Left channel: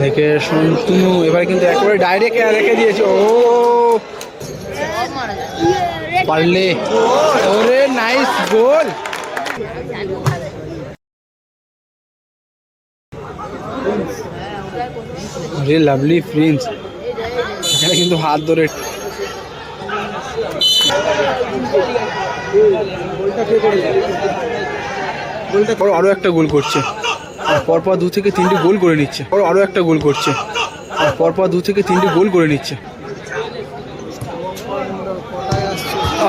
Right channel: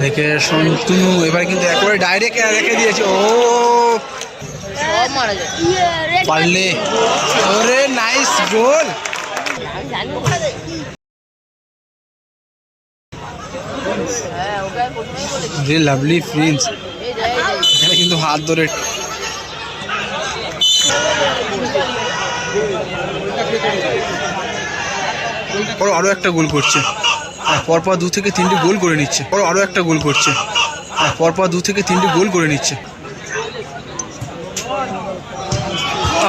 দেখে শান্তনু এবার কিন্তু একেবারে ডাইরেক্ট রেখে দিয়েছে। ও পারলে, ওরে নাইস গোল। আরে লাভলি প্রিন্স এখানে কিন্তু হাত ধরে আরো একটা গোল করছে, পরপর 2 থেকে 3টি গোল করে নিচ্ছে। আরো একটা গোল করছে, পরপর 2 থেকে 3টি গোল করে নিচ্ছে।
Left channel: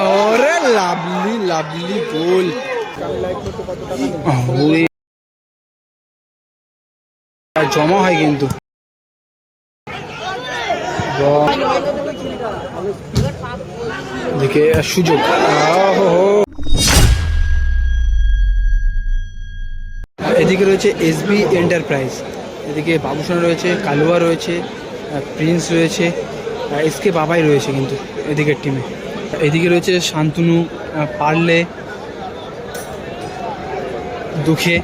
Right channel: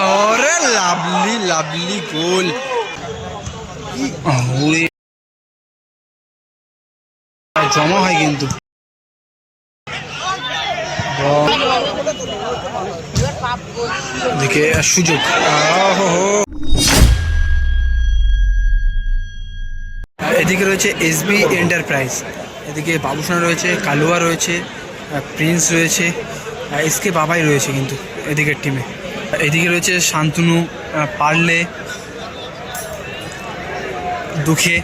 আরে লাভলি লাভলি গোল। জমা হয় কিন্তু দেখে সুযোগ। এদিকে রয়েছে এসবি এন্টারপ্রাইজ, এদিকে বাবুসোনা রয়েছে, কালুয়া রয়েছে, প্রিন্স রয়েছে, এসকে বাবাই রয়েছে কিন্তু এদিকের টিমে। এদিকে রয়েছে শান্তনু, পারলে, দুঃখে।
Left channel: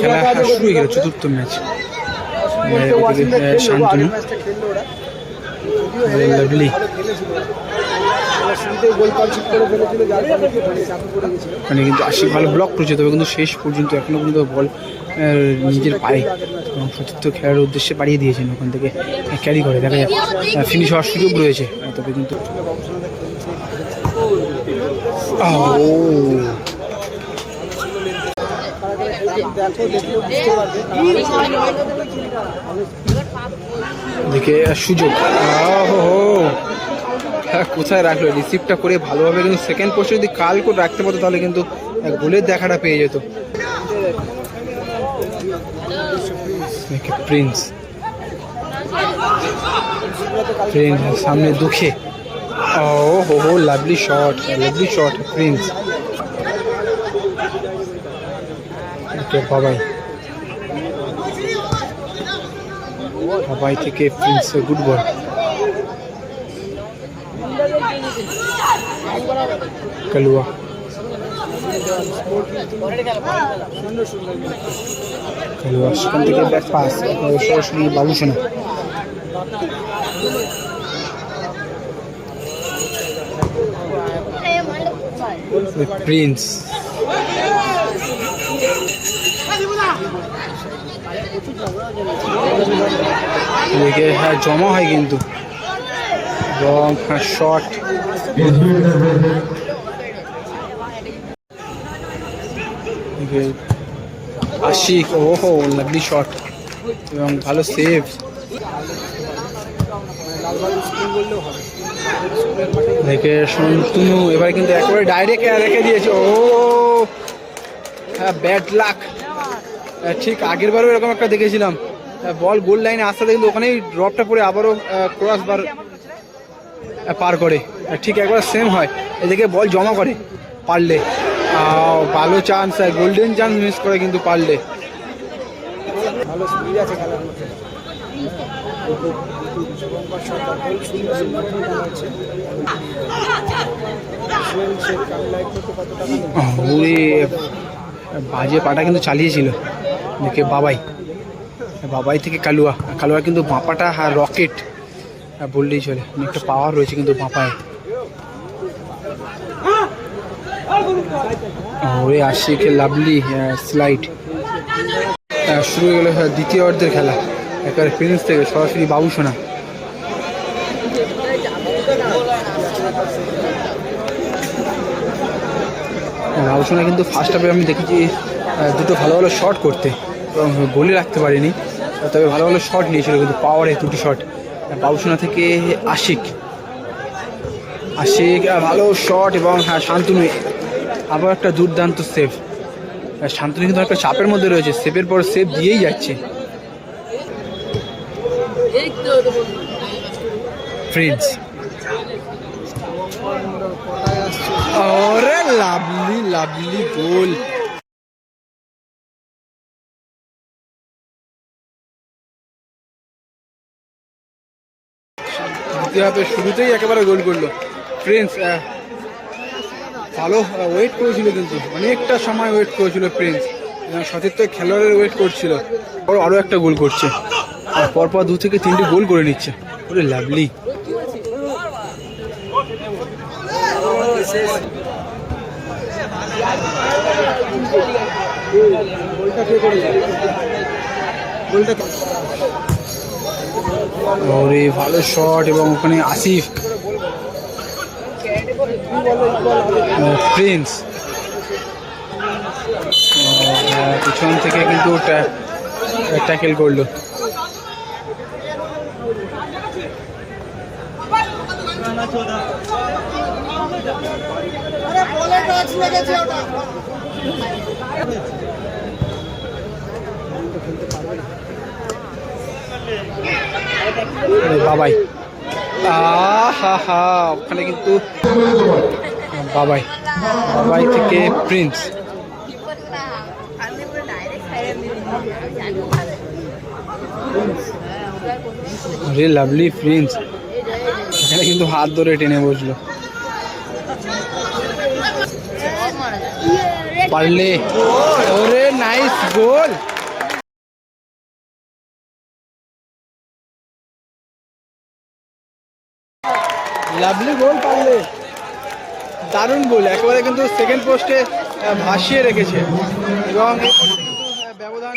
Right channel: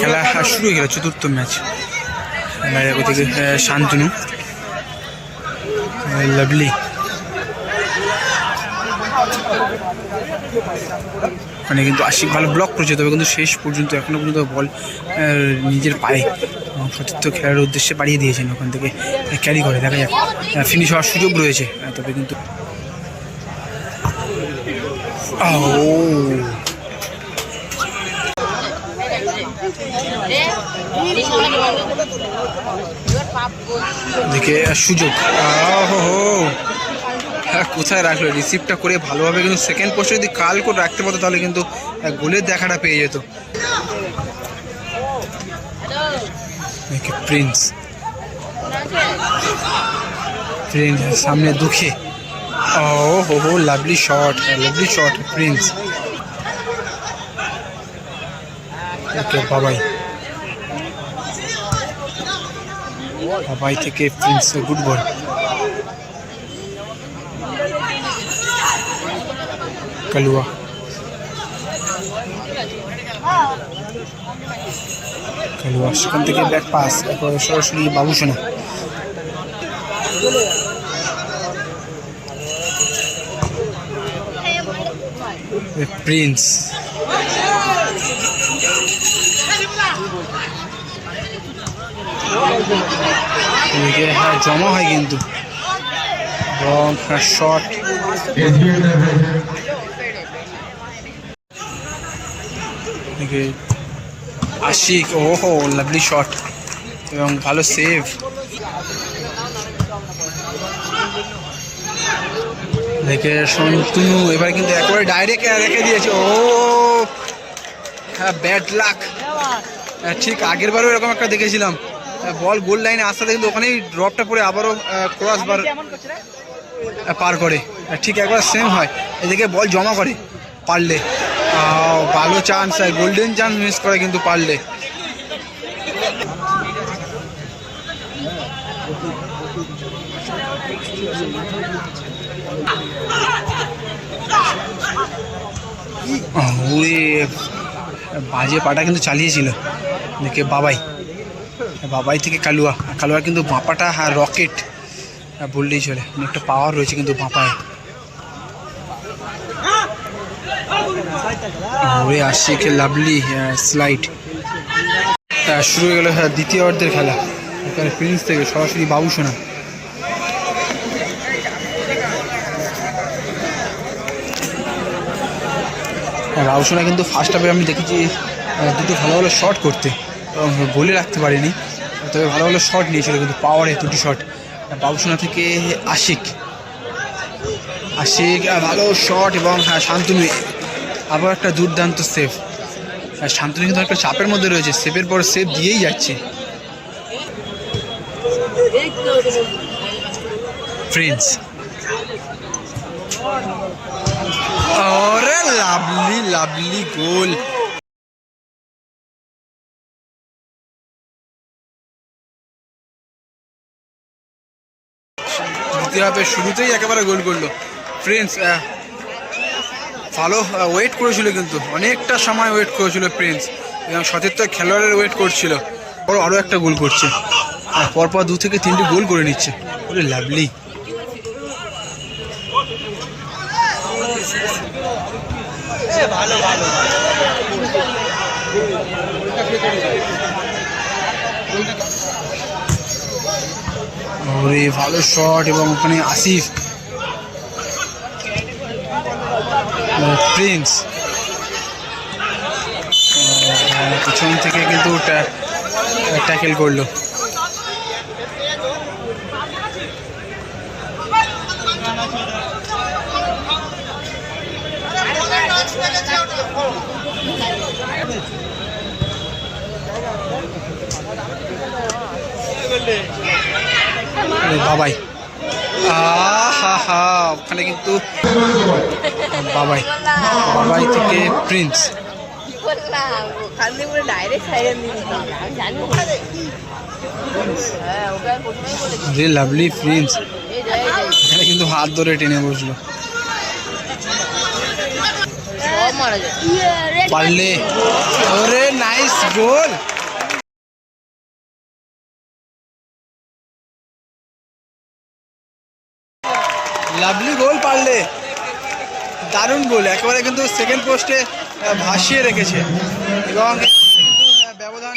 খেলা শুরু হয়ে গেল, 4র্থ ম্যাচ। ওইদিকে শান্তনু, লাভলি, ওখানে কিন্তু আশিক ভালো ব্লক করেছে, তবে কিন্তু শেষ পর্যন্ত এখনো পর্যন্ত বল নিজের পায়ে এবং সতীর্থ খেলার উদ্দেশ্যে বাড়িয়ে দিয়েছেন, ওখান থেকে ক্যারি করে দেখা যাক ফিনিশ হওয়ার সুযোগ রয়েছে। তবে কিন্তু দেখে সুযোগ। কোথায় রাখলো, রিসিভটা করে ভালোভাবে কিন্তু সেকেন্ড পোস্টে যদি কাল করে রাখতে পারতো তাহলে কিন্তু গোলের দেখাটা পেয়ে যেত। প্রিন্স, প্রিন্স সামনে দুঃখে। ও lovely shot, lovely shot prince. Babai, Babai থেকে প্রিন্স, গুড বল। কালুয়া, কালুয়া সেখান থেকে ব্যাক পাস সরাসরি বাবুসোনা। প্রিন্স, জমা হয় কিন্তু এবং শট। আশিক, ওহো লাভলি শট এবং ভালো সেভ। দেখে শান্তনু এবার কিন্তু একেবারে ডাইরেক্ট রেখে দিয়েছে। ও হ্যাঁ, ব্যাড লাক। ঠিক আগের বারও এরকম একটা দেখেছিলাম, বল গোল লাইনে আসতে কিন্তু ওখানেই ড্রপটা পড়ে আবারও ক্রস বার পার করে, ঠিক একবার সেম হয়। এদিকে বল জমা করে পারলে, ভালো চান্স, গোল্ডেন চান্স মিস করে কিন্তু পারলে। বাজে পাটা কিন্তু চালিয়েছিল। দেখে বাবাই, বাবাই থেকে কালুয়া, কালুয়া কিন্তু বাঁপাটা রকেট বললেই চলে, অনেকটা পাওয়ার রয়েছে কিন্তু বাঁপায়। ওরে আশিক লাভলি স্লাইড। শুরু হয়ে গেল দ্বিতীয় অর্ধের খেলা, একবার প্রিন্স থেকে সরাসরি বাবুসোনা। বাবুসোনা কিন্তু ফার্স্ট হাফে আমি দেখেছি দুটো ভালো ভালো শট করতে এবং গোলে রাখতে পারিনি, তবে ভালো ভালো শট নিয়েছিল কিন্তু পাওয়ারে 2টি শট বাবুসোনা থেকে। আশিক, আশিক ভালো শট এবং শান্তনু আবার একটা দুর্দান্ত সেভ। শান্তনু কিন্তু একটা চাপের মধ্যে রয়েছে, সেভের পর সেভ দিয়েই যাচ্ছে। প্রিন্স, ওরে লাভলি লাভলি গোল। দ্বিতীয় হাফের শুরুতেই একেবারে গোল করলো প্রিন্স। ভালো ওয়েট করেছিল কিন্তু অনেকটা সময় ওয়েট করেছিল প্রিন্স, এবং সতীর্থ খেলোয়াড়ের ওয়েট করছিল, বড় আরও একটা গোল করছে, পরপর 2 থেকে 3টি গোল করে নিচ্ছে। ওরে লাভলি। ওরে ভালো শট, এবং ওখানে আসিফ, প্রিন্স পিছন থেকে কিন্তু ট্যাকেল করলো। বাবাই, হা ওখানে কিন্তু বাবাই থেকে প্রিন্স, লাভলি প্রিন্স এখানে কিন্তু হাত ধরে টেনে বসলো। পারলে, ওরে নাইস গোল। লাভলি গোল পারলে, দারুণ গোল, একেবারে কিন্তু সেকেন্ড পোস্টে ভাসিয়ে রেখেছে এবং এই পোস্টে কিন্তু ব্যবধান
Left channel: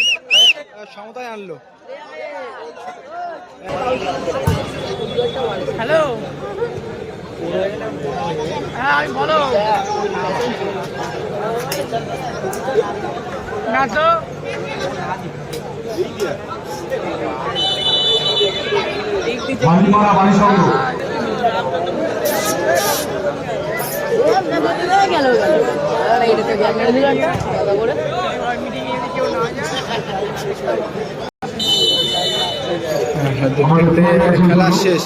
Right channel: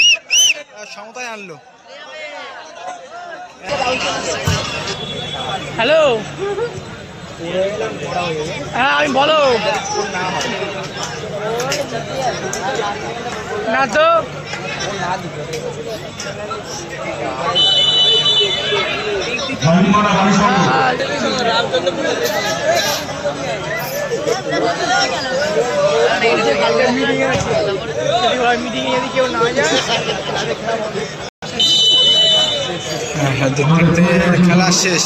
সমতায় আনলো। হ্যালো, হ্যাঁ আমি বলো না তো দেখতে খেলা শেষ।